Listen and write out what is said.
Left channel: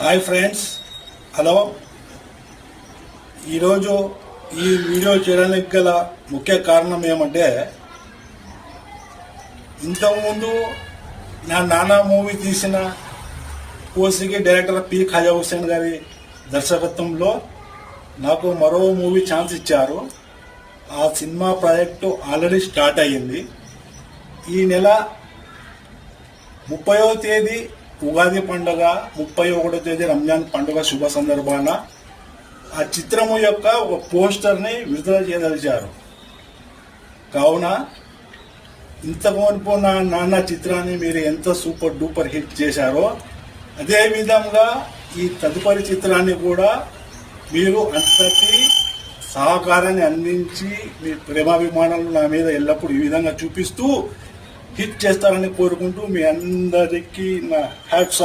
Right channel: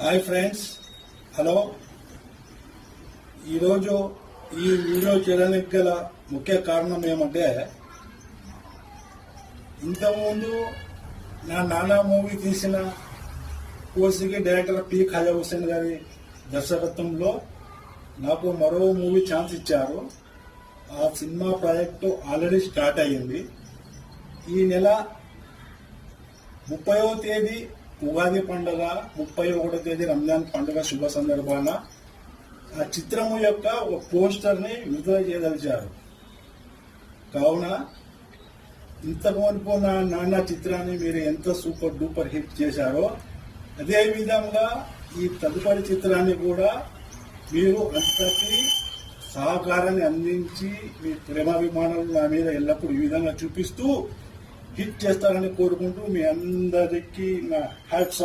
Hi friends. Hello. ఈరోజు ఈ video చేయడానికి గల ముఖ్య కారణం ఏమంటే ఇంతకుముందు నా నాన్న మూవీ తీసిన కోసికి డైరెక్టర్ పి ఖాజా హుస్సేన్ గారి దర్శకత్వంలో నాకు మరో మూవీ ఛాన్స్ ఇచ్చారు. ఆ సినిమా ప్రాజెక్టు ఆల్రెడీ స్టార్ట్ అయ్యింది. ఈ నెల ముప్పయో తేదీ ఉగాది పండుగ ముప్పై ఒకటో తేదీ రంజాన్ పండుగ శుభ సందర్భాన ఆ చిత్రము యొక్క ఒక పోస్టర్ని విడుదల చేయదలిచారు. కావున ఇంతకు నా నాన్న చిత్రాన్ని మీరు ఎంత సూపర్ డూపర్ హిట్ చేశారో అదే విధంగా ఈ తదుపరి చిత్రాన్ని కూడా మీరు అంతటి సహకారాన్ని అందించి మీ ప్రేమాభిమానాలు నా మీద ఎల్లప్పుడూ ఈ విధంగా చూపిస్తూ హిట్ చేస్తారని కోరుకుంటూ మీ అందరికీ నా హ్యాట్స్